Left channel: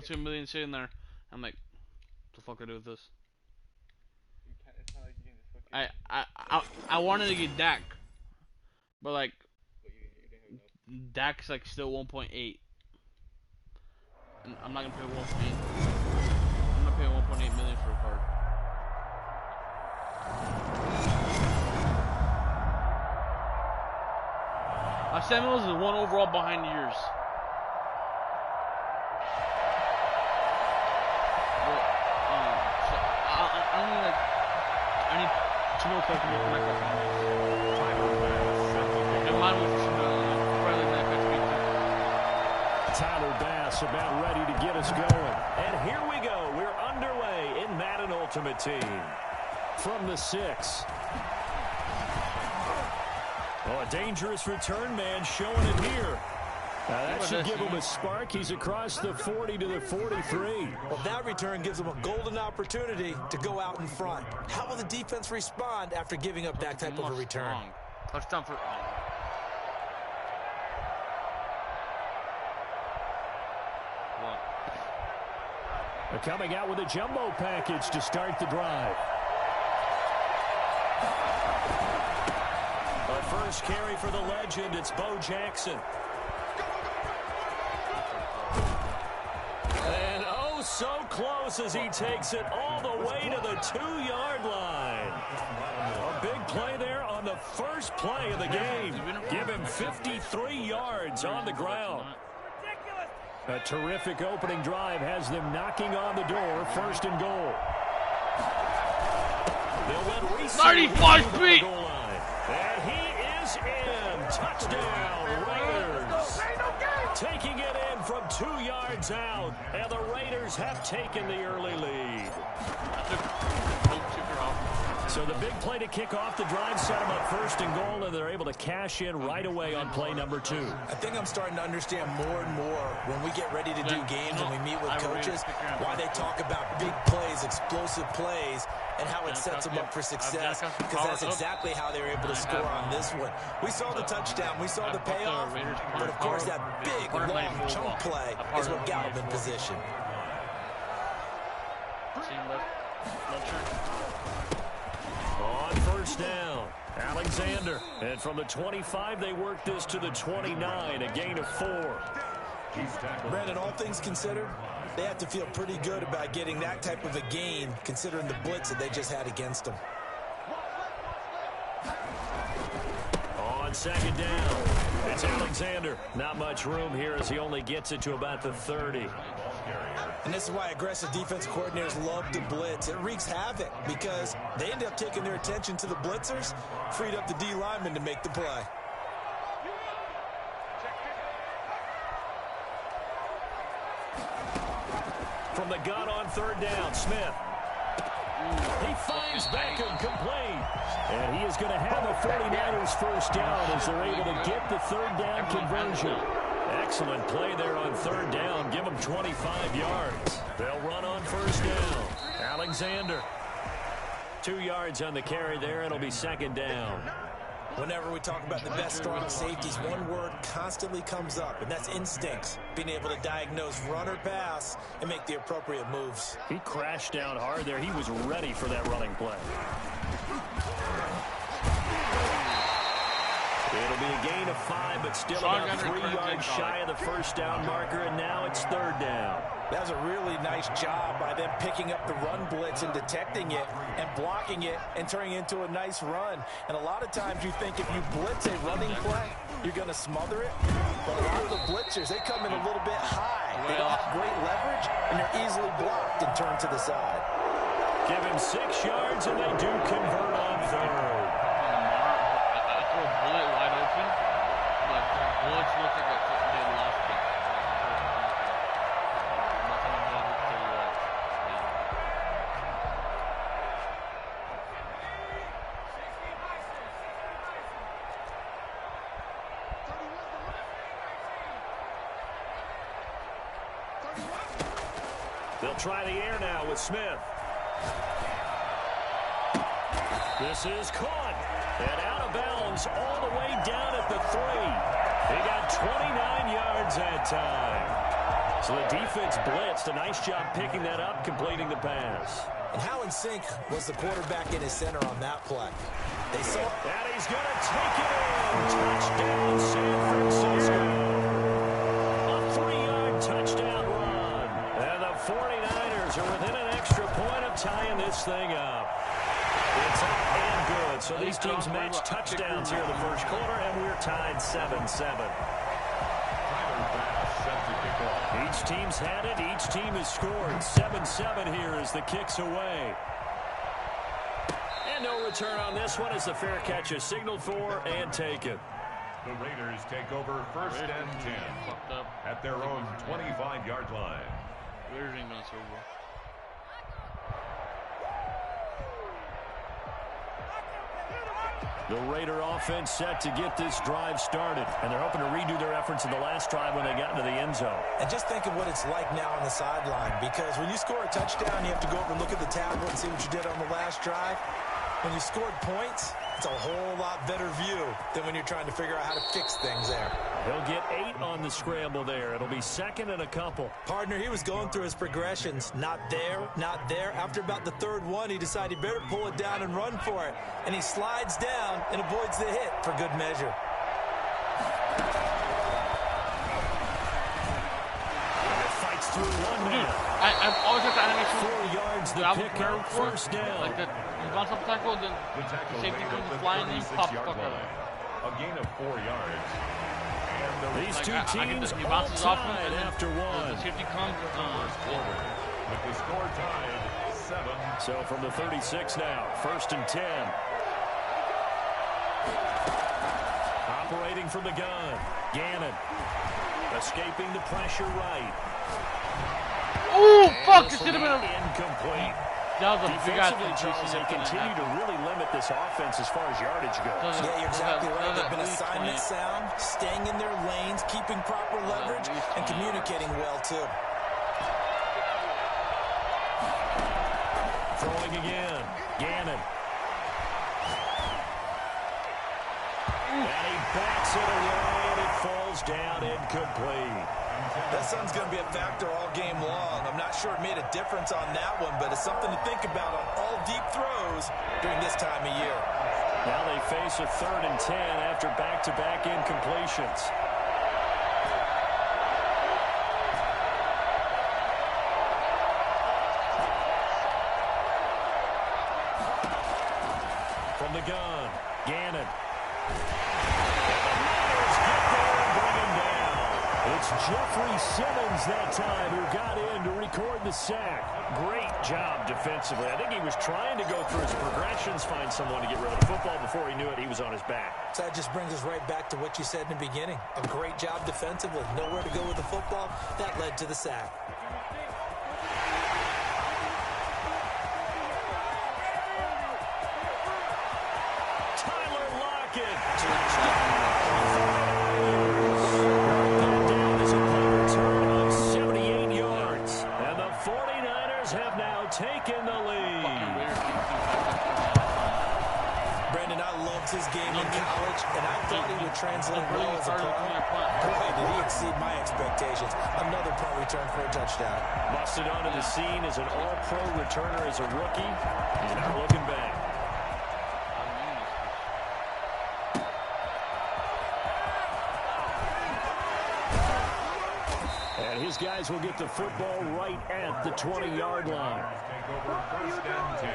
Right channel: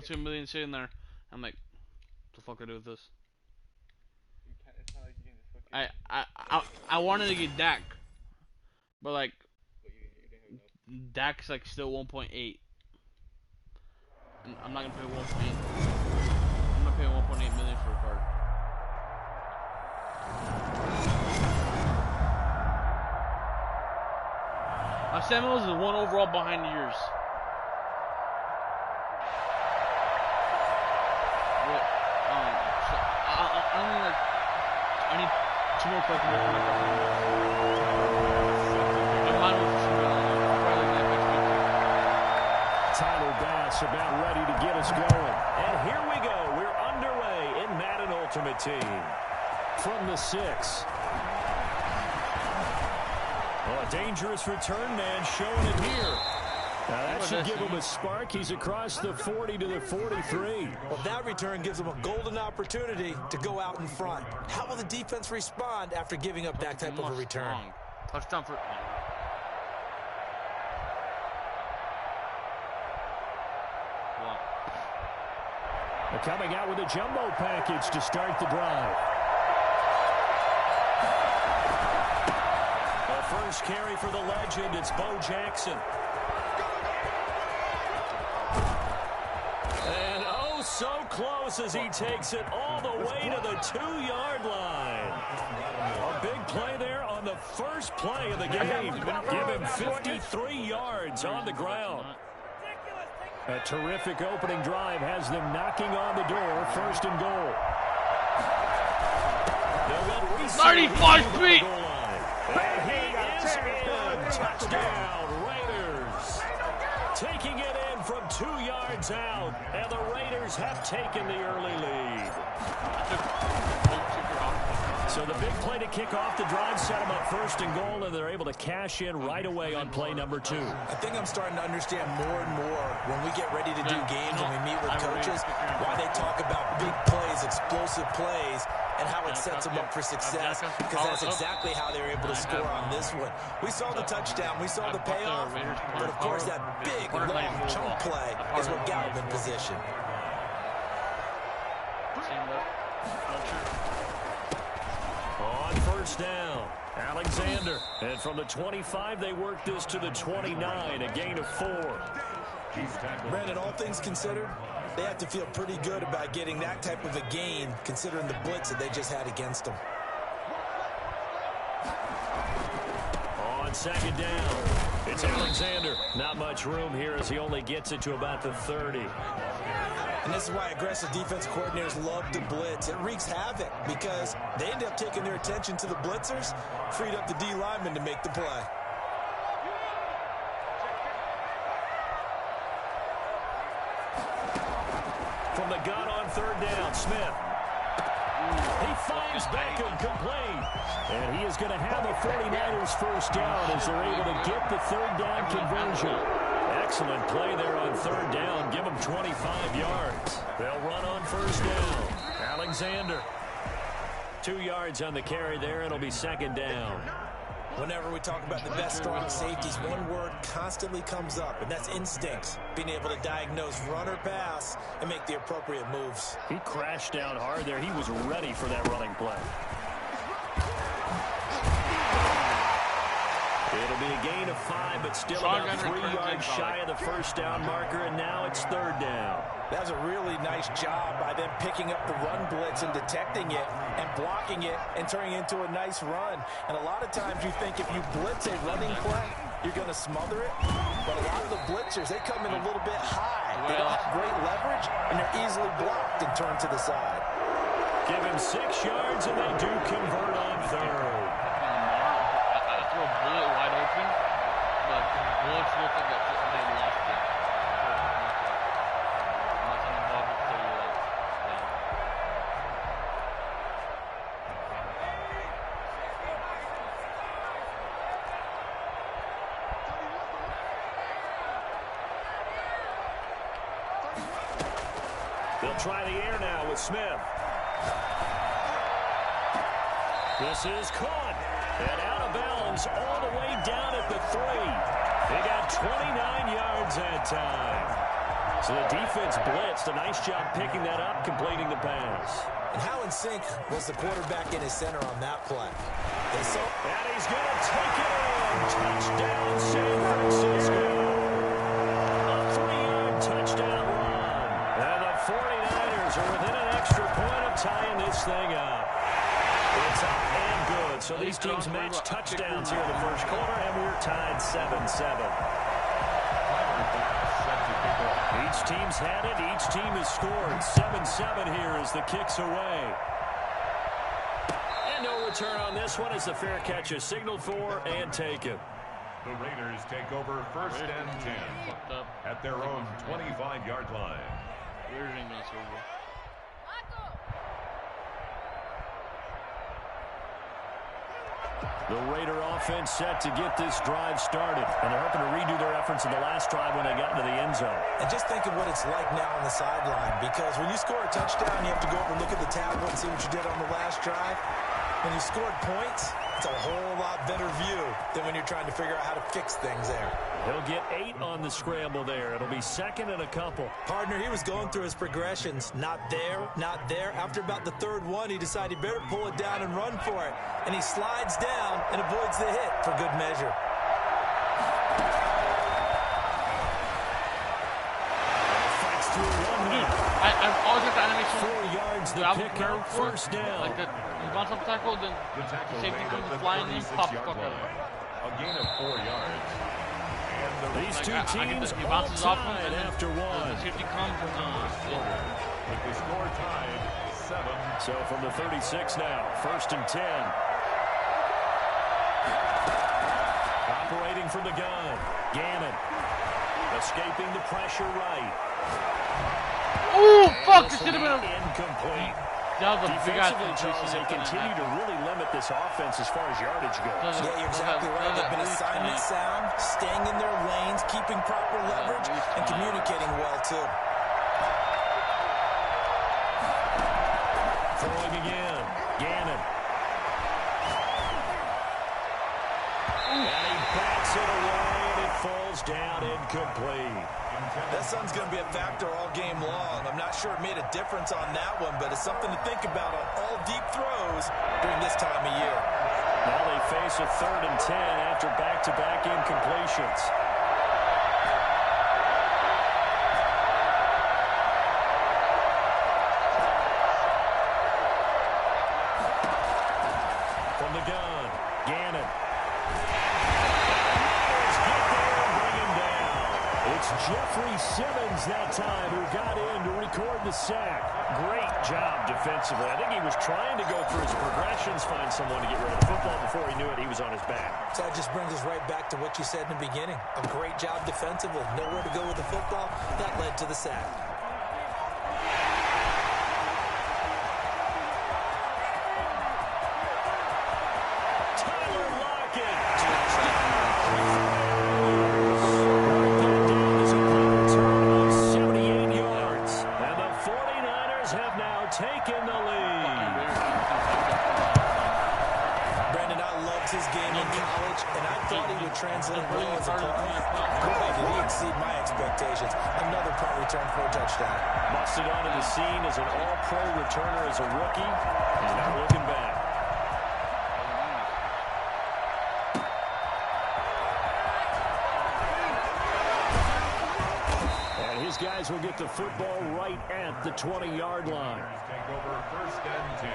$2.2 million sitting there. I'm like, what the fuck do I do with this? It's not like you can just fucking. I wanted to get Dak, but like But you didn't have enough. Dak's like still 1.8. And I'm not gonna pay 1.8. I'm not paying 1.8 million for a card. My Samuels is one overall behind yours. But so I need like I need 2 more collectibles for my Samuels. And mine was probably like that Tyler Bass about ready to get us going. And here we go. We're underway in Madden Ultimate Team. From the 6. Oh, a dangerous return man showing it here. Now that should give him a spark. He's across the 40 to the 43. Well, that return gives him a golden opportunity to go out in front. How will the defense respond after giving up that type of a return? Touchdown for... What? They're coming out with a jumbo package to start the drive. A first carry for the legend. It's Bo Jackson. And oh, so close as he takes it all the way to the 2-yard line. A big play there on the first play of the game. Give him 53 yards on the ground. A terrific opening drive has them knocking on the door. 1st and goal. They'll let Reese 35 feet. And he is in. Touchdown, Raiders. Taking it in from 2 yards out. And the Raiders have taken the early lead. So the big play to kick off the drive set them up 1st and goal, and they're able to cash in right away on play number 2. I think I'm starting to understand more and more when we get ready to do games and we meet with coaches, why they talk about big plays, explosive plays, and how it sets them up for success, because that's exactly how they were able to score on this one. We saw the touchdown, we saw the payoff, but of course that big, long chunk play is what got them in position. On 1st down, Alexander. And from the 25, they work this to the 29, a gain of 4. Brandon, all things considered, they have to feel pretty good about getting that type of a gain, considering the blitz that they just had against them. On 2nd down, it's Alexander. Not much room here as he only gets it to about the 30. And this is why aggressive defense coordinators love to blitz. It wreaks havoc because they end up taking their attention to the blitzers, freed up the D lineman to make the play. From the gun on 3rd down, Smith. He finds Beckham complete. And he is going to have a 49ers first down as they're able to get the 3rd down conversion. Excellent play there on 3rd down. Give them 25 yards. They'll run on 1st down. Alexander. 2 yards on the carry there. It'll be 2nd down. Whenever we talk about the best strong safeties, one word constantly comes up, and that's instincts. Being able to diagnose run or pass and make the appropriate moves. He crashed down hard there. He was ready for that running play. It'll be a gain of 5, but still about 3 yards shy of the 1st down marker, and now it's 3rd down. That was a really nice job by them picking up the run blitz and detecting it and blocking it and turning it into a nice run. And a lot of times you think if you blitz a running play, you're going to smother it. But a lot of the blitzers, they come in a little bit high. They don't have great leverage, and they're easily blocked and turned to the side. Give him 6 yards, and they do convert on 3rd. Throw a bullet wide open, but the bullets look like they lost it. I'm not trying to bother to tell you that. They'll try the air now with Smith. This is caught. And out of bounds all the way down at the 3. He got 29 yards that time. So the defense blitzed. A nice job picking that up, completing the pass. And how in sync was the quarterback in his center on that play? They saw. And he's going to take it in. Touchdown, San Francisco. A 3-yard touchdown run. And the 49ers are within an extra point of tying this thing up. It's up and good. So these teams match touchdowns here in the first quarter, and we're tied 7-7. Each team's had it. Each team has scored. 7-7 here as the kick's away. And no return on this one as the fair catch is signaled for and taken. The Raiders take over first and 10 at their own 25-yard line. Raiders ain't gonna Super Bowl. The Raider offense set to get this drive started, and they're hoping to redo their efforts in the last drive when they got into the end zone. And just think of what it's like now on the sideline, because when you score a touchdown, you have to go over and look at the tablet and see what you did on the last drive. When you scored points, it's a whole lot better view than when you're trying to figure out how to fix things there. He'll get 8 on the scramble there. It'll be second and a couple. Partner, he was going through his progressions. Not there, not there. After about the third one, he decided he better pull it down and run for it. And he slides down and avoids the hit for good measure. Fights through one man. I've always got the animation. 4 yards the pick up, first down. Like that, he bounce up tackle, then the safety comes flying in, pop the fuck out. A gain of 4 yards. And these two teams he all bounces off him, tied and after one. The safety comes. With the score tied 7. So from the 36 now, first and 10. Operating from the gun, Gannon. Escaping the pressure right. Oh, fuck! It should have been incomplete. That was a big ass Defensively, Charles, they continue to really limit this offense as far as yardage goes. Yeah, you're exactly right. They've been assignment sound, staying in their lanes, keeping proper leverage, and communicating well, too. Throwing again, Gannon. And he backs it away, and it falls down incomplete. That sun's going to be a factor all game long. I'm not sure it made a difference on that one, but it's something to think about on all deep throws during this time of year. Now they face a 3rd and 10 after back-to-back incompletions. From the gun, Gannon. It's Jeffrey Simmons that time who got in to record the sack. Great job defensively. I think he was trying to go through his progressions, find someone to get rid of the football. Before he knew it, he was on his back. So that just brings us right back to what you said in the beginning. A great job defensively. Nowhere to go with the football. That led to the sack. Tyler Lockett. Taking the lead. Brandon, I loved his game in college, and I thought he would translate well as a pro. Boy, did he exceed my expectations. Another punt return for a touchdown. Busted onto the scene as an all-pro returner as a rookie. He's not looking back. His guys will get the football right at the 20-yard line. Take over first and 10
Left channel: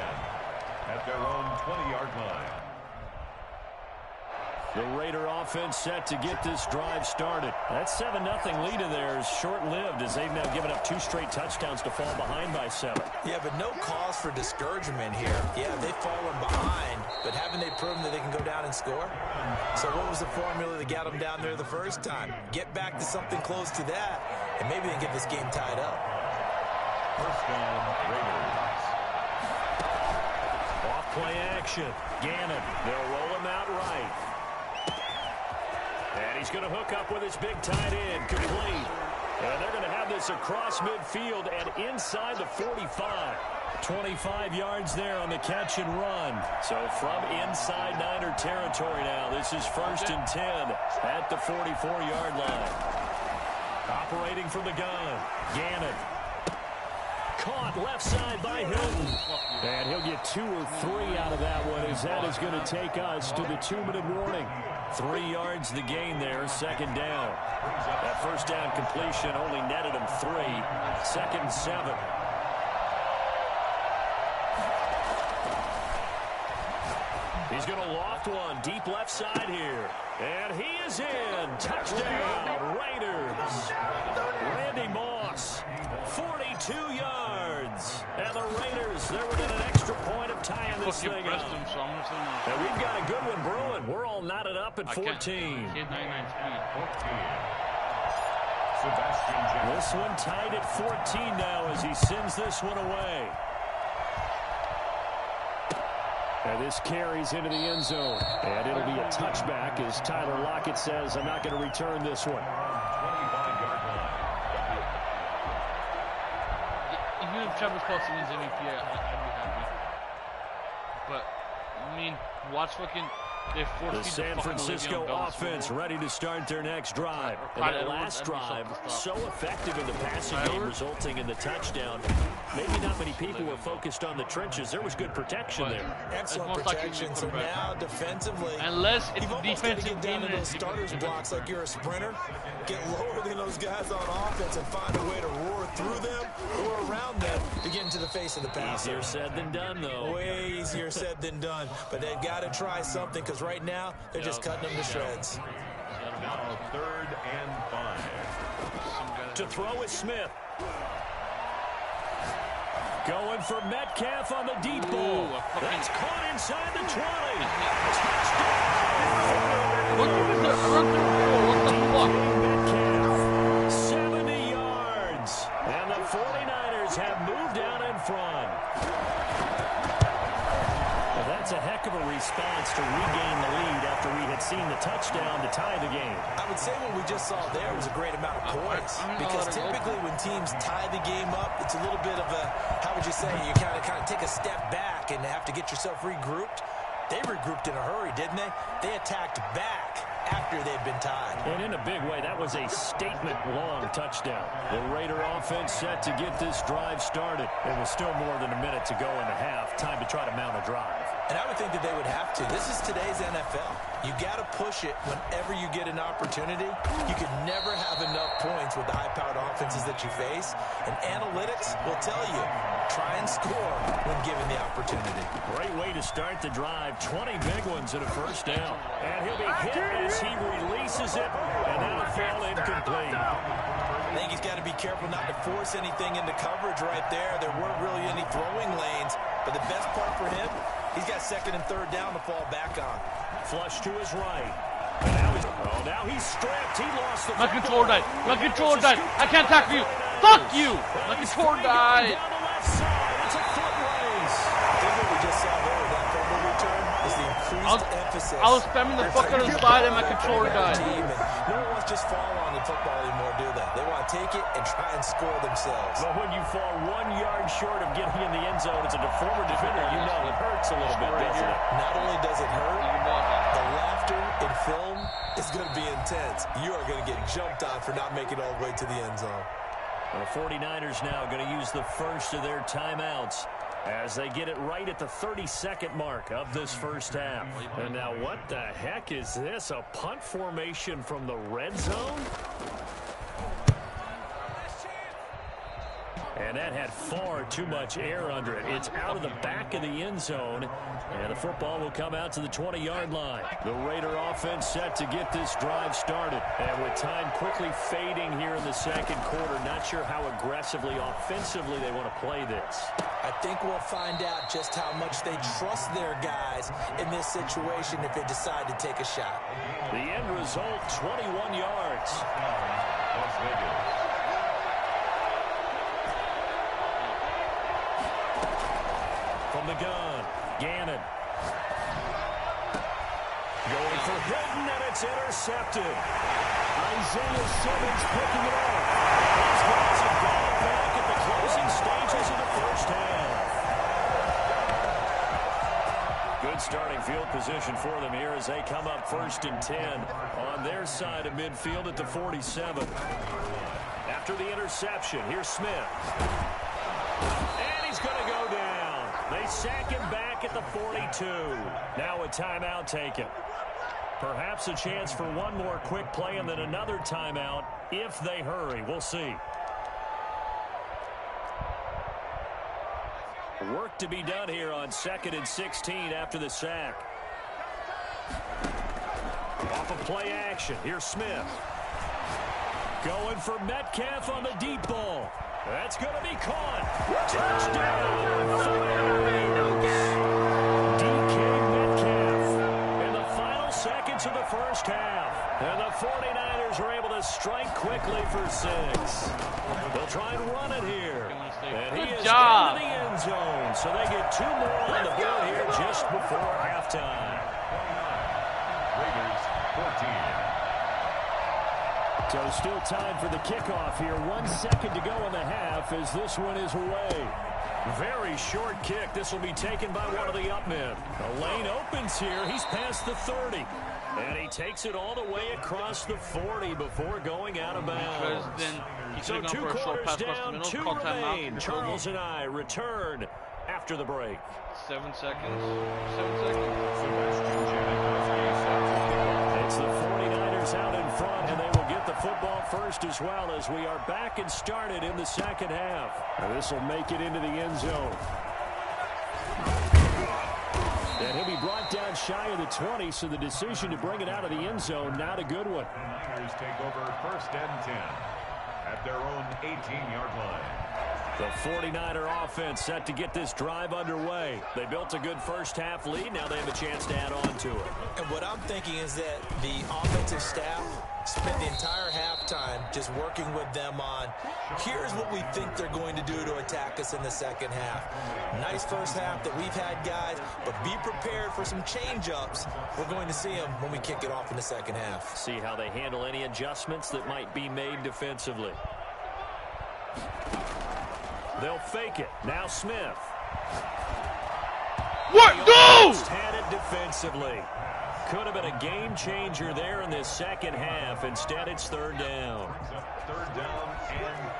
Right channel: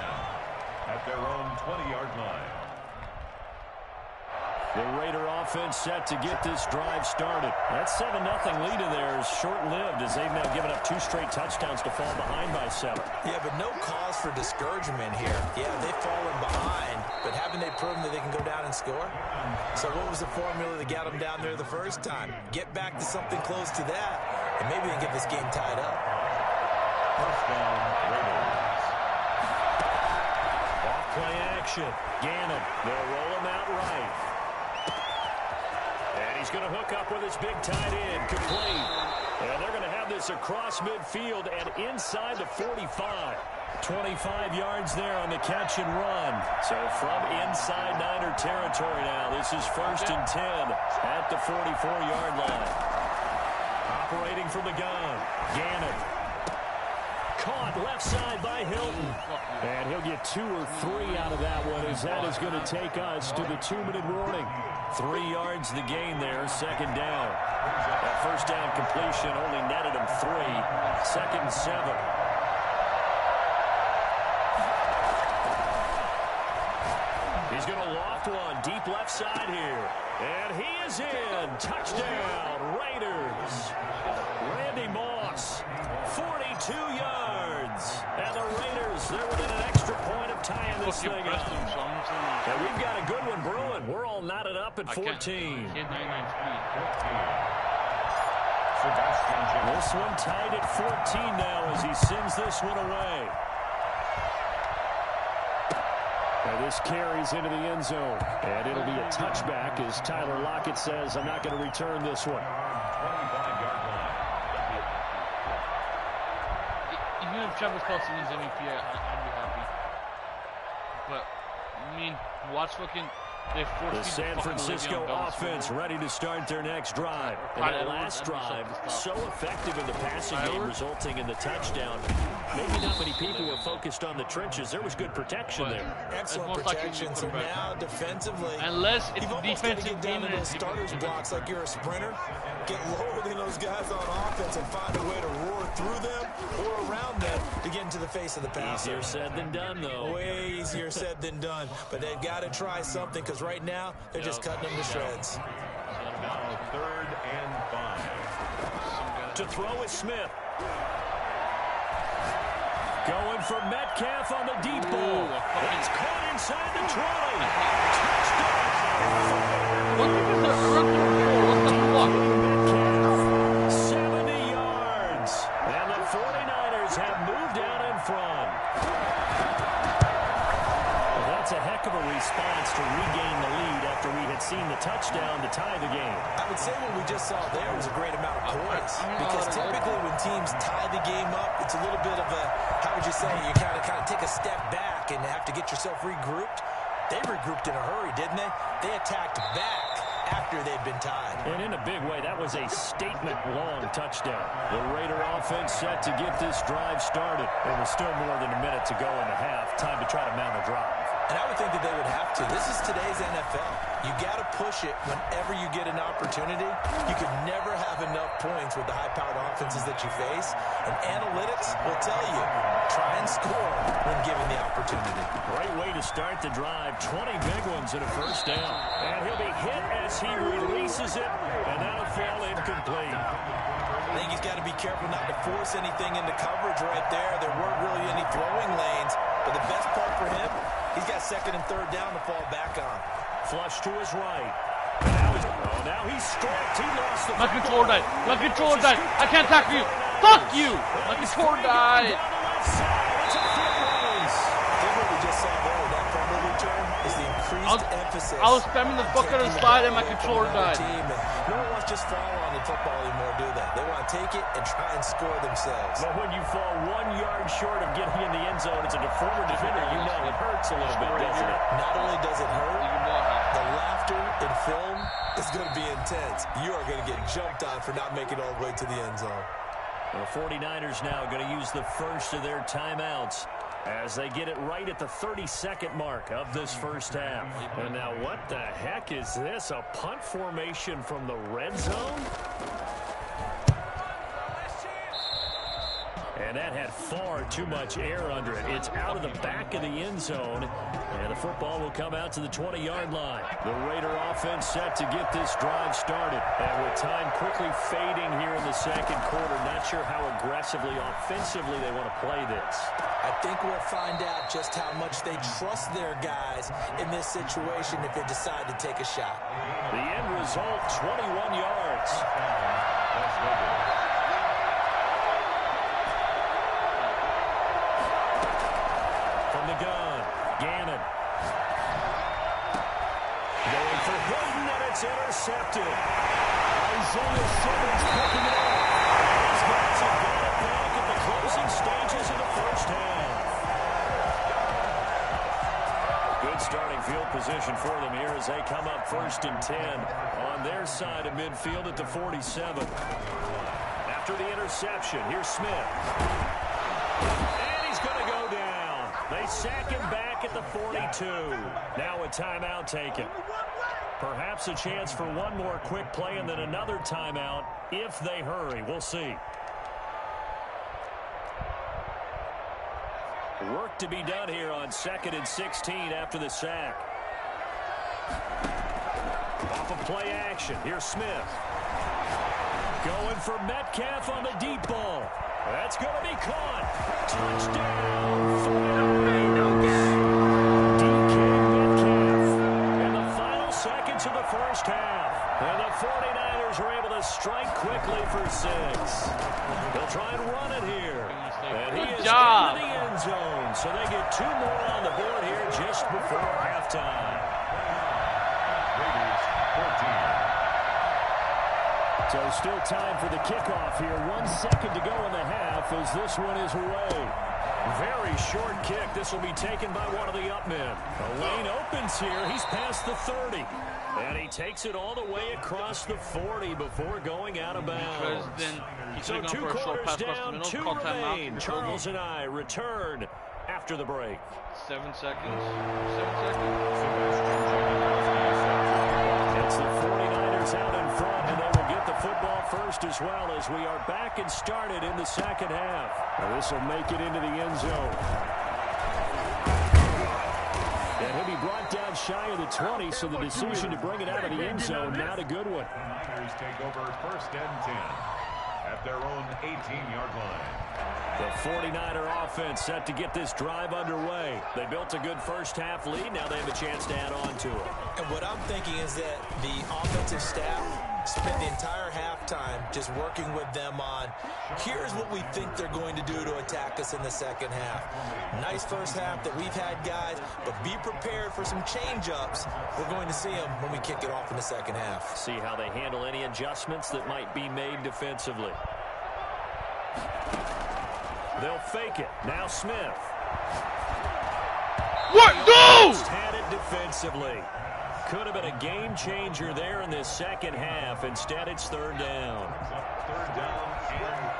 at their own 20-yard line. The Raider offense set to get this drive started. That 7-0 lead of theirs short-lived as they've now given up 2 straight touchdowns to fall behind by 7. Yeah, but no cause for discouragement here. Yeah, they've fallen behind, but haven't they proven that they can go down and score? So what was the formula that got them down there the first time? Get back to something close to that, and maybe they can get this game tied up. First down, Raiders. Off-play action. Gannon. They'll roll him out right. And he's going to hook up with his big tight end. Complete. And they're going to have this across midfield and inside the 45. 25 yards there on the catch and run. So from inside Niner territory now, this is first and 10 at the 44-yard line. operating from the gun. Gannon. Caught left side by Hilton. And he'll get 2 or 3 out of that one, as that is going to take us to the 2-minute warning. 3 yards the gain there, second down. That first down completion only netted him 3. 2nd and 7. He's going to loft one deep left side here. And he is in. Touchdown, Raiders. Randy Moss, 42 yards. And the Raiders, they're within an extra point of tying this thing up. And we've got a good one brewing. We're all knotted up at 14. This one tied at 14 now as he sends this one away. And this carries into the end zone. And it'll be a touchback as Tyler Lockett says, I'm not going to return this one. 25-yard line. Even if Travis Kelce wins MVP, I'd be happy. But, I mean, watch fucking... The San Francisco offense ready to start their next drive. And that last drive, so effective in the passing game, resulting in the touchdown. Maybe not many people were focused on the trenches. There was good protection there. Excellent protection. So now defensively, unless it's you've almost got to get down to those starters blocks like you're a sprinter. Get lower than those guys on offense and find a way to roar through them or around them to get into the face of the passer. Easier said than done, though. Way easier said than done. But they've got to try something because right now they're just cutting them to shreds. Now 3rd and 5. To throw is Smith. Going for Metcalf on the deep ball. That's caught inside the 20. Touchdown! Metcalf, 70 yards. And the 49ers have moved out in front. Well, that's a heck of a response to regain the lead after we had seen the touchdown to tie the game. I would say what we just saw there was a great amount of poise. Because typically when teams tie the game up, it's a little bit of a, how would you say, you kind of take a step back and have to get yourself regrouped. They regrouped in a hurry, didn't they? They attacked back after they'd been tied. And in a big way, that was a statement-long touchdown. The Raider offense set to get this drive started. There was still more than a minute to go in the half. Time to try to mount a drive. And I would think that they would have to. This is today's NFL. You got to push it whenever you get an opportunity. You can never have enough points with the high-powered offenses that you face. And analytics will tell you, try and score when given the opportunity. Great way to start the drive. 20 big ones and a first down. And he'll be hit as he releases it. And that'll fall incomplete. I think he's got to be careful not to force anything into coverage right there. There weren't really any throwing lanes. But the best part for him, he's got 2nd and 3rd down to fall back on. Flush to his right. Now he's stripped. He lost the My controller died. My controller died. I can't tackle you. Fuck you. My controller died. Down the left side. It's a foot race. I think what we just saw there with that fumble return is the increased emphasis. I was spamming the fuck out of the slide and my controller died. No one wants to just fall on the football anymore, do they? They want to take it and try and score themselves. But when you fall 1 yard short of getting in the end zone as a former defender, you know it hurts a little bit, doesn't it? Not only does it hurt, the laughter in film is going to be intense. You are going to get jumped on for not making it all the way to the end zone. Well, the 49ers now going to use the first of their timeouts as they get it right at the 32nd mark of this first half. And now what the heck is this? A punt formation from the red zone? And that had far too much air under it. It's out of the back of the end zone. And the football will come out to the 20-yard line. The Raider offense set to get this drive started. And with time quickly fading here in the second quarter, not sure how aggressively, offensively they want to play this. I think we'll find out just how much they trust their guys in this situation if they decide to take a shot. The end result, 21 yards. Las Vegas. From the gun, Gannon. Going for Hilton, and it's intercepted. Isaiah Simmons picking it up. These guys have got it back at the closing stages of the first half. Good starting field position for them here as they come up 1st and 10 on their side of midfield at the 47. after the interception. Here's Smith. And he's going to go down. They sack him back at the 42. Now a timeout taken. Perhaps a chance for one more quick play and then another timeout if they hurry. We'll see. Work to be done here on 2nd and 16 after the sack. Off of play action. Here's Smith. Going for Metcalf on the deep ball. That's going to be caught. Touchdown. DK Metcalf in the final seconds of the first half. And the 49ers are able to strike quickly for 6. They'll try and run it here. And he is into the end zone. So they get 2 more on the board here just before halftime. Raiders 14. So still time for the kickoff here. 1 second to go in the half as this one is away. Very short kick. This will be taken by one of the up men. The lane opens here. He's past the 30. And he takes it all the way across the 40 before going out of bounds. So 2 quarters down, 2 remain. Charles and I return after the break. 7 seconds. 7 seconds. Sebastian Janikowski set to kick off. It's the 49ers out in front, and they will get the football first as well as we are back and started in the second half. Now this will make it into the end zone. And he'll be brought down shy of the 20, so the decision to bring it out of the end zone, not a good one. The Niners take over 1st and 10 at their own 18-yard line. The 49er offense set to get this drive underway. They built a good first half lead. Now they have a chance to add on to it. And what I'm thinking is that the offensive staff spent the entire halftime just working with them on, here's what we think they're going to do to attack us in the second half. Nice first half that we've had, guys, but be prepared for some change-ups. We're going to see them when we kick it off in the second half. See how they handle any adjustments that might be made defensively. They'll fake it. Now Smith. What? No! Had it defensively. Could have been a game changer there in this second half. Instead, it's 3rd down. 3rd down and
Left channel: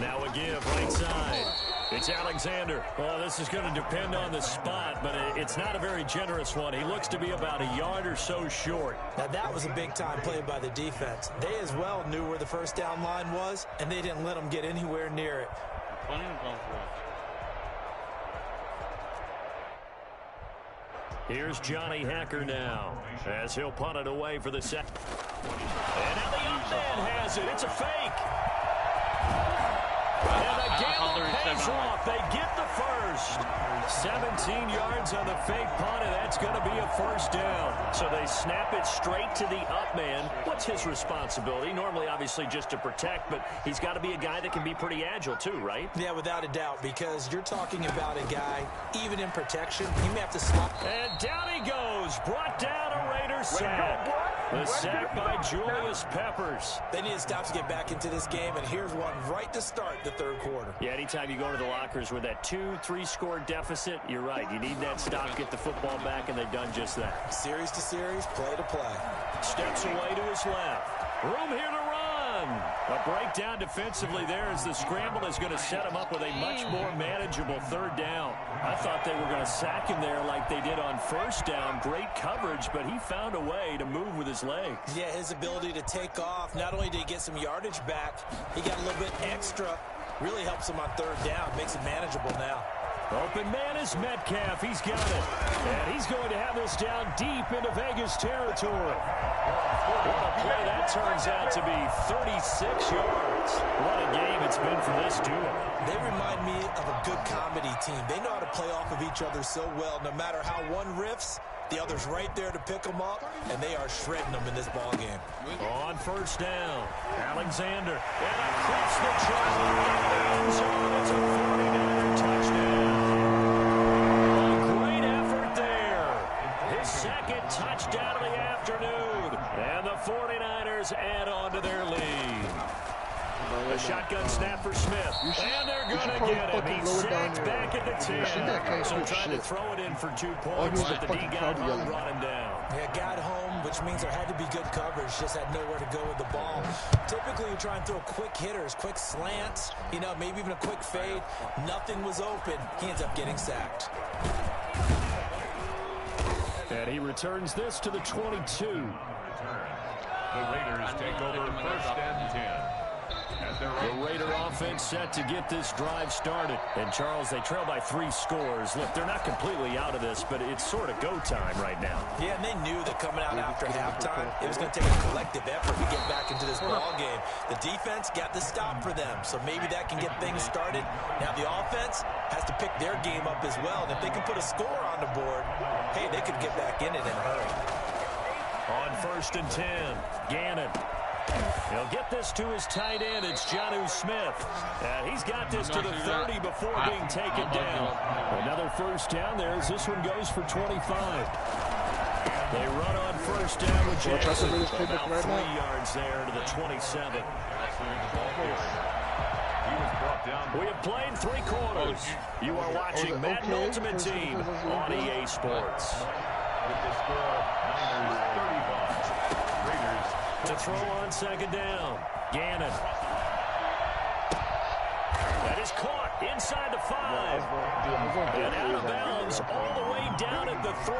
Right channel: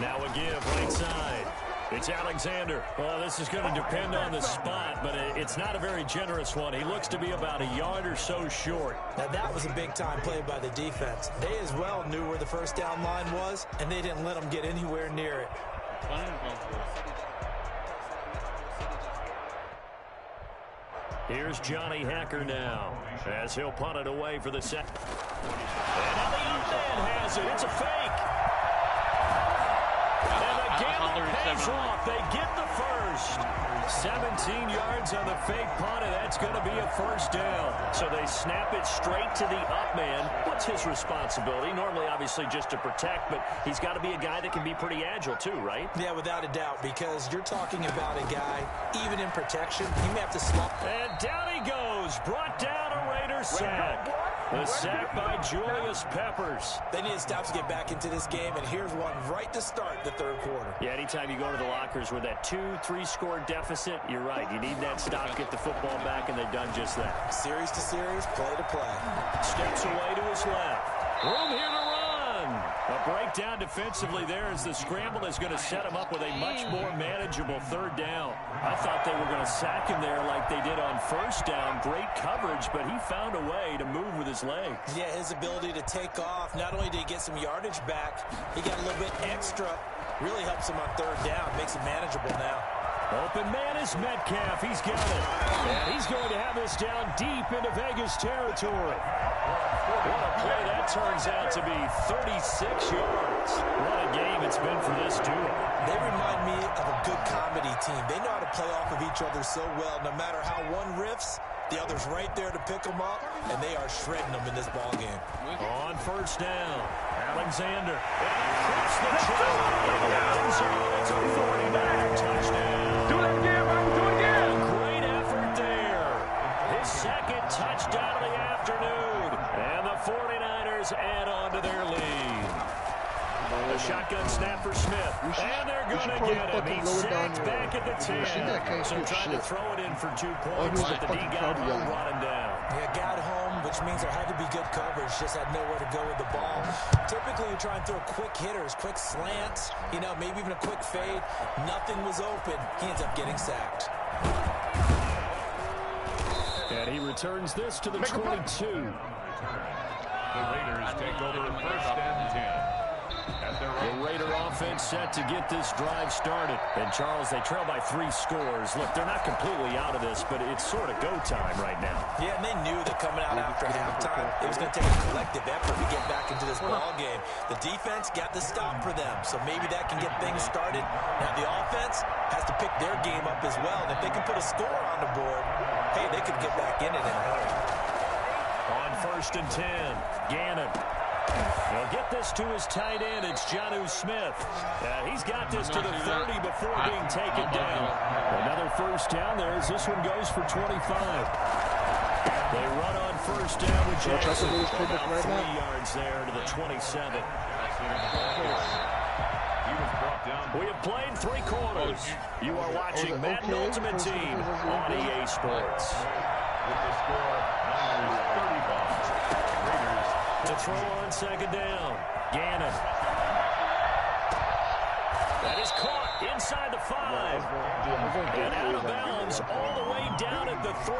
4. Now a give right side. It's Alexander. Well, this is going to depend on the spot, but it's not a very generous one. He looks to be about a yard or so short. Now, that was a big-time play by the defense. They as well knew where the first down line was, and they didn't let them get anywhere near it. Here's Johnny Hacker now, as he'll punt it away for the second. And now the up man has it. It's a fake. And the gamble pays off. They get the first. 17 yards on the fake punt, and that's going to be a 1st down. So they snap it straight to the up man. What's his responsibility? Normally, obviously, just to protect, but he's got to be a guy that can be pretty agile too, right? Yeah, without a doubt, because you're talking about a guy, even in protection, he may have to slop. And down he goes. Brought down a Raider sack. The sack by Julius Peppers. They need to stop to get back into this game, and here's one right to start the 3rd quarter. Yeah, anytime you go to the lockers with that 2-3 score deficit, you're right. You need that stop, get the football back, and they've done just that. Series to series, play to play. Steps away to his left. Room here to run. A breakdown defensively there as the scramble is going to set him up with a much more manageable 3rd down. I thought they were going to sack him there like they did on 1st down. Great coverage, but he found a way to move with his legs. Yeah, his ability to take off. Not only did he get some yardage back, he got a little bit extra. Really helps him on 3rd down. Makes it manageable now. Open man is Metcalf. He's got it. And he's going to have this down deep into Vegas territory. What a play that turns out to be. 36 yards. What a game it's been for this duo. They remind me of a good comedy team. They know how to play off of each other so well. No matter how one riffs, the other's right there to pick them up, and they are shredding them in this ball game. On 1st down, Alexander. And across the channel into the end zone. It's a 49er touchdown. A great effort there. His 2nd touchdown of the afternoon. And the 49ers add on to their lead. A shotgun snap for Smith. And they're going to get him. He's sacked back at the 10. So trying to throw it in for 2 points, but the D guy brought him down. Yeah, got home, which means there had to be good coverage. Just had nowhere to go with the ball. Typically, you try and throw quick hitters, quick slants, you know, maybe even a quick fade. Nothing was open. He ends up getting sacked. And he returns this to the 22. The Raiders take over 1st and 10. The Raider offense set to get this drive started. And, Charles, they trail by 3 scores. Look, they're not completely out of this, but it's sort of go time right now. Yeah, and they knew that coming out after halftime, it was going to take a collective effort to get back into this ball game. The defense got the stop for them, so maybe that can get things started. Now the offense has to pick their game up as well, and if they can put a score on the board, hey, they could get back in it in a hurry. On 1st and 10, Gannon. He'll get this to his tight end. It's Jonnu Smith. He's got this to the 30 before being taken down. Another first down there as this one goes for 25. They run on 1st down with Jackson. About 3 yards there to the 27. We have played 3 quarters. You are watching Madden Ultimate Team on EA Sports. With the score, Niners 35. Raiders to throw on 2nd down. Gannon. That is caught inside the 5. And out of bounds all the way down at the 3.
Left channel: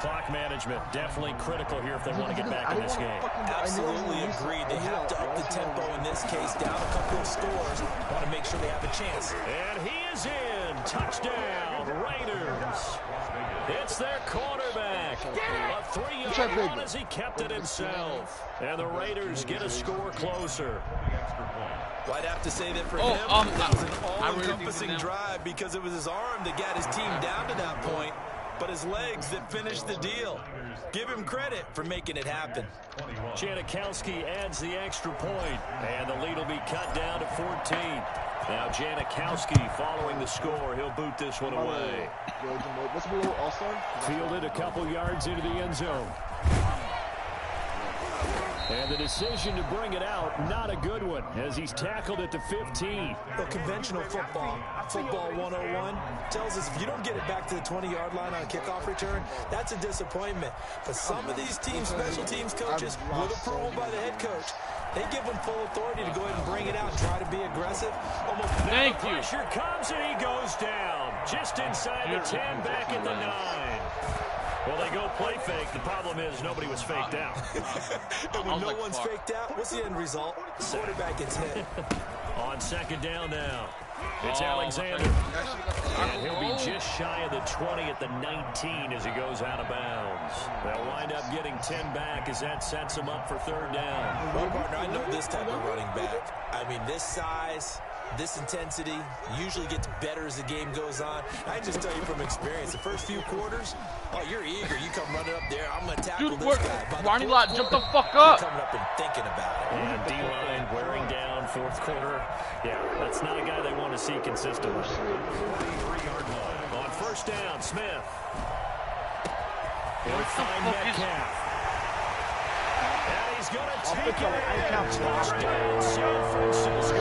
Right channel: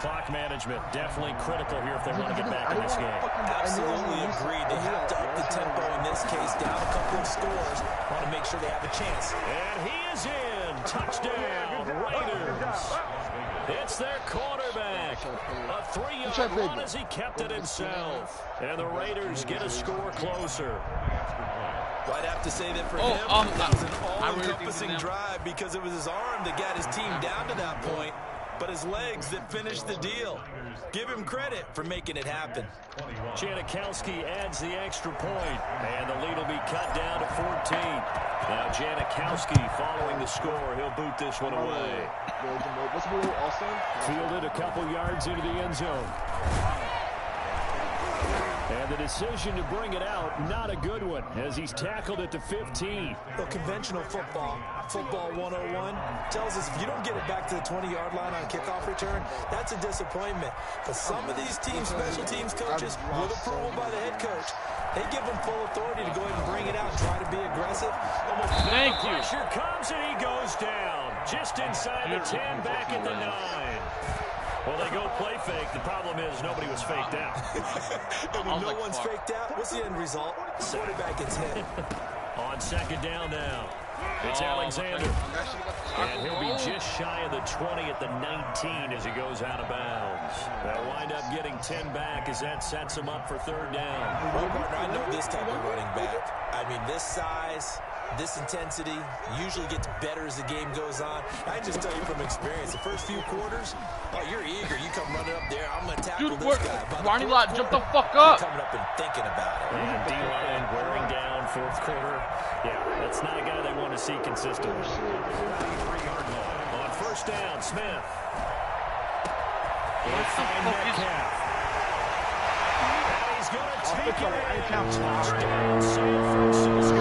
Clock management definitely critical here if they want to get back in this game. Absolutely agreed. They have to up the tempo in this case, down a couple of scores. Want to make sure they have a chance. And he is in. Touchdown, Raiders. It's their quarterback. A 3-yard run as he kept it himself. And the Raiders get a score closer. Well, I'd have to say that for him, that was an all-encompassing drive because it was his arm that got his team down to that point, but his legs that finished the deal. Give him credit for making it happen. Janikowski adds the extra point, and the lead will be cut down to 14. Now Janikowski following the score. He'll boot this one away. Fielded a couple yards into the end zone. And the decision to bring it out, not a good one, as he's tackled at the 15. Well, conventional football 101, tells us if you don't get it back to the 20-yard line on a kickoff return, that's a disappointment. But some of these teams, special teams coaches, with approval by the head coach, they give them full authority to go ahead and bring it out and try to be aggressive. Almost Thank you. Pressure comes and he goes down. Just inside the 10, back at the 9. Well, they go play fake. The problem is nobody was faked out. And when no one's faked out, what's the end result? The quarterback gets hit. On 2nd down now. It's Alexander. And he'll be just shy of the 20 at the 19 as he goes out of bounds. They'll wind up getting 10 back as that sets him up for 3rd down. Well, partner, I know this type of running back. I mean, this size, this intensity usually gets better as the game goes on. I just tell you from experience, the first few quarters, oh, you're eager. You come running up there. I'm going to tackle this guy. Ronnie Lott, jump the fuck up. Coming up and thinking about it. And D-line wearing down 4th quarter. Yeah, that's not a guy they want to see consistently. On 1st down, Smith. He'll find Metcalf. And he's going to take it in. Touchdown, San Francisco.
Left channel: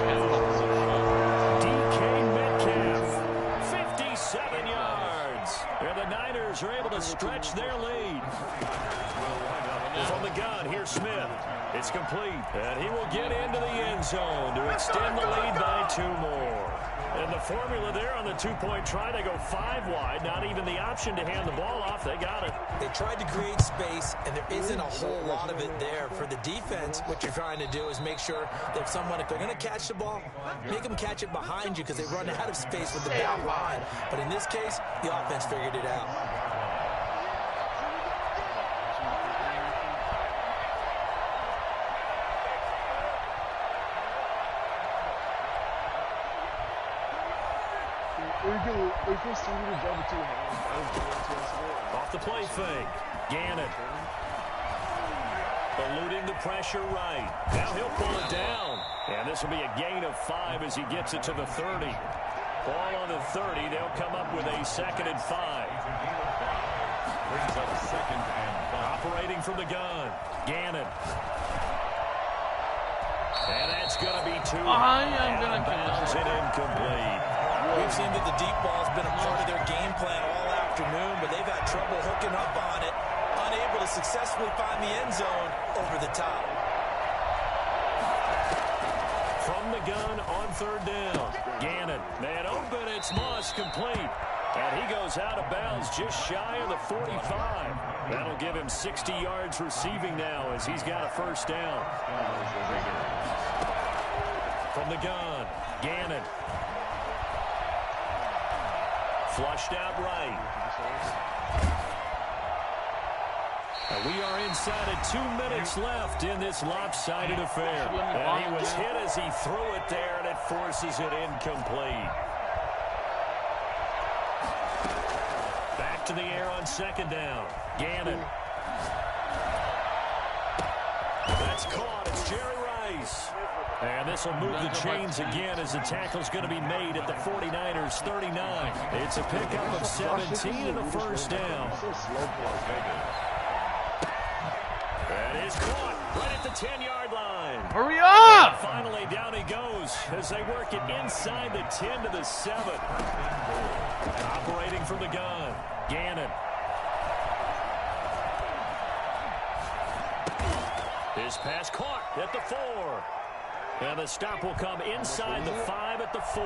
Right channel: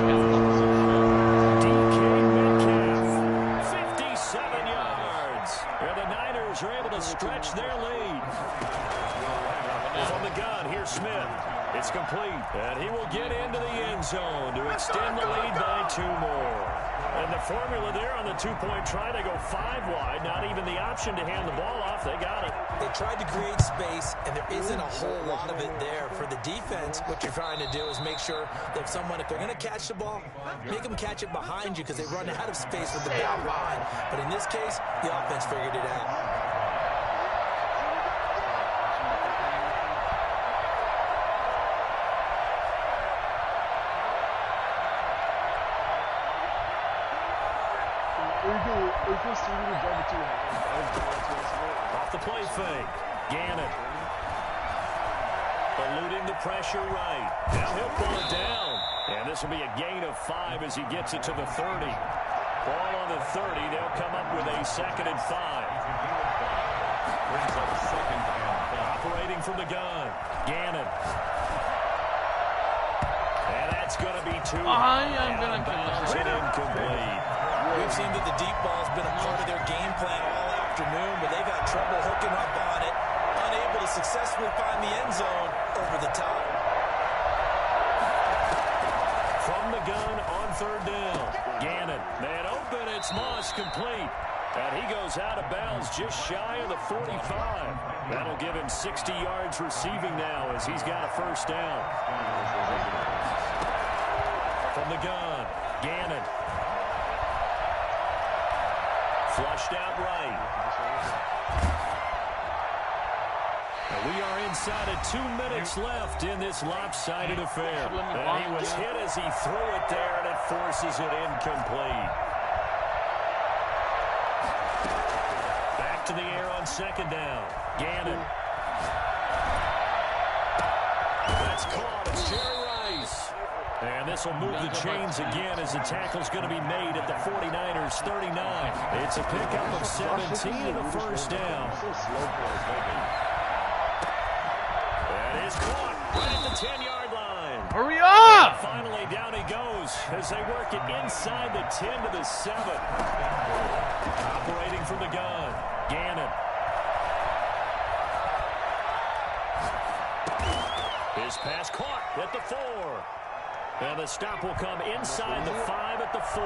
DK Metcalf, 57 yards. And the Niners are able to stretch their lead. From the gun, here's Smith. It's complete, and he will get into the end zone to extend the lead by 2 more. And the formula there on the 2-point try, they go 5 wide. Not even the option to hand the ball off. They got it. They tried to create space, and there isn't a whole lot of it there. For the defense, what you're trying to do is make sure that if they're going to catch the ball, make them catch it behind you because they run out of space with the back line. But in this case, the offense figured it out. Off the play fake. Gannon. Eluding the pressure right. Now he'll pull it down. And this will be a gain of 5 as he gets it to the 30. Ball on the 30. They'll come up with a 2nd and 5. Brings up 2nd and 5. Operating from the gun. Gannon. And that's going to be 2. I am going to bounce it incomplete. We've seen that the deep ball's been a part of their game plan all afternoon, but they've had trouble hooking up on it. unable to successfully find the end zone over the top. From the gun on third down. Gannon, man open, it's Moss, complete. And he goes out of bounds just shy of the 45. That'll give him 60 yards receiving now as he's got a first down. From the gun, Gannon. Flushed out right. And we are inside of 2 minutes left in this lopsided affair. And he was hit as he threw it there, and it forces it incomplete. Back to the air on second down. Gannon. That's caught. It's Jerry Rice. And this will move the chains again as the tackle's going to be made at the 49ers 39. It's a pickup of 17 and a first down. That is caught right at the 10-yard line. Hurry up! And finally, down he goes as they work it inside the 10 to the 7. Operating from the gun, Gannon. His pass caught at the 4. And the stop will come inside the 5 at the 4.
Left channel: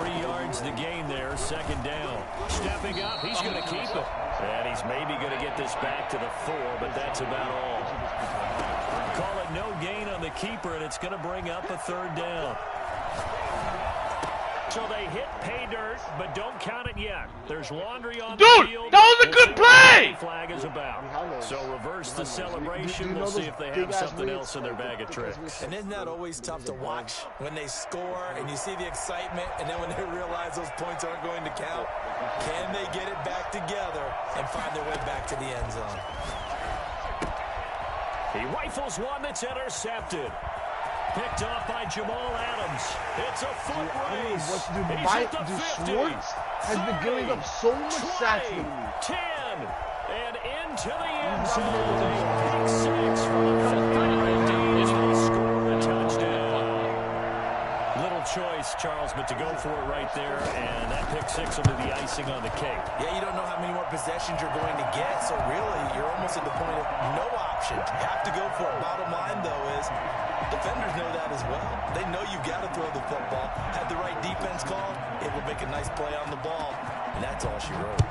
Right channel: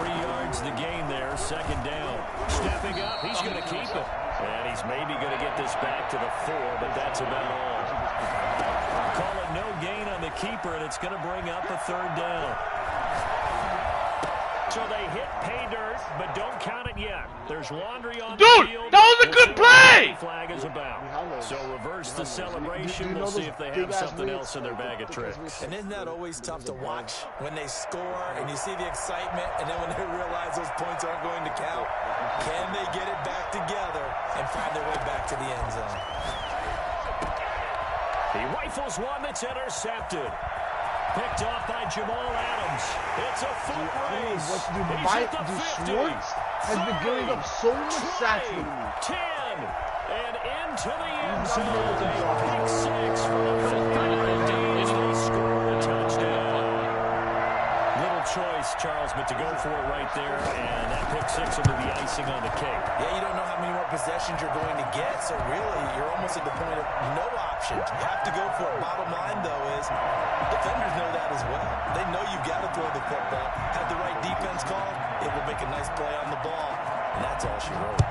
3 yards the gain there, second down. Stepping up, he's going to keep it. And he's maybe going to get this back to the 4, but that's about all. Call it no gain on the keeper, and it's going to bring up a third down. So they hit pay dirt, but don't count it yet. There's laundry on the field. That was a good play! Flag is about. So reverse the celebration. We'll see if they have something else in their bag of tricks. And isn't that always tough to watch when they score and you see the excitement, and then when they realize those points aren't going to count? Can they get it back together and find their way back to the end zone? He rifles one that's intercepted. Picked off by Jamal Adams. It's a foot race. What to do? He's at the 50. Schwartz has been giving up so much sacks. 10 and into the end zone. They pick 6 for the 50. They score a touchdown. Little choice, Charles, but to go for it right there, and that pick 6 will be the icing on the cake. Yeah, you don't know how many more possessions you're going to get, so really you're almost at the point of no option. You have to go for it. Bottom line, though, is defenders know that as well. They know you've got to throw the football. Had the right defense called, it will make a nice play on the ball, and that's all she wrote.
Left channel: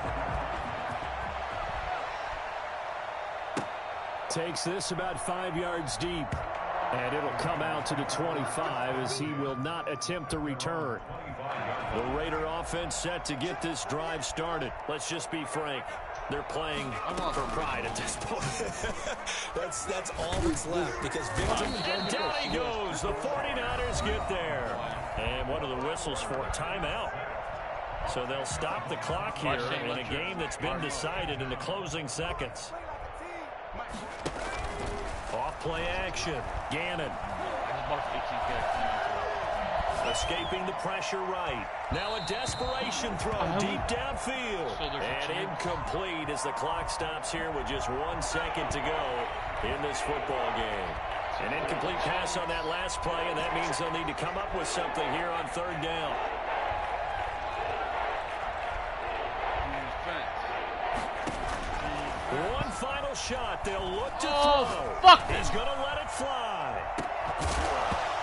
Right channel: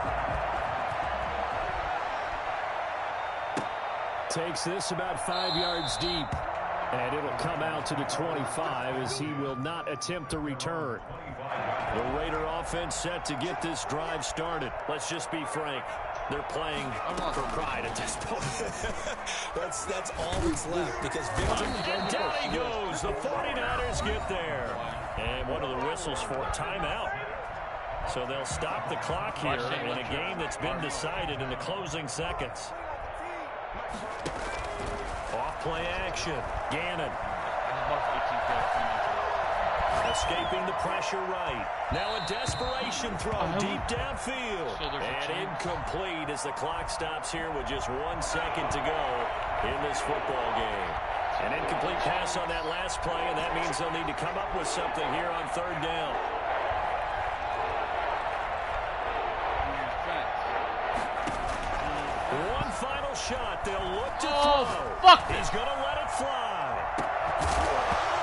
Takes this about 5 yards deep. And it'll come out to the 25 as he will not attempt to return. The Raider offense set to get this drive started. Let's just be frank. They're playing for pride at this point. that's all that's left because victory. And down he goes. The 49ers get there. And what are the whistles for? Timeout. So they'll stop the clock here in a game that's been decided in the closing seconds. Off play action. Gannon. Escaping the pressure right. Now a desperation throw deep downfield. And incomplete as the clock stops here with just 1 second to go in this football game. An incomplete pass on that last play, and that means they'll need to come up with something here on third down. One final shot. They'll look to throw. He's going to let it fly.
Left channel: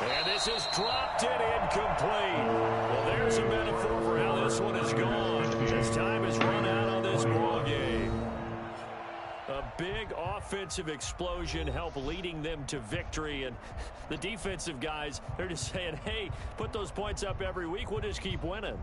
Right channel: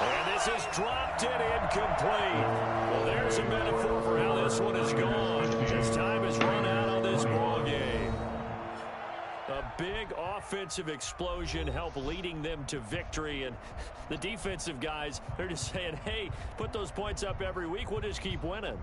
And this is dropped and incomplete. Well, there's a metaphor for how this one is gone. As time has run out on this ball game. A big offensive explosion helped leading them to victory. And the defensive guys, they're just saying, hey, put those points up every week. We'll just keep winning.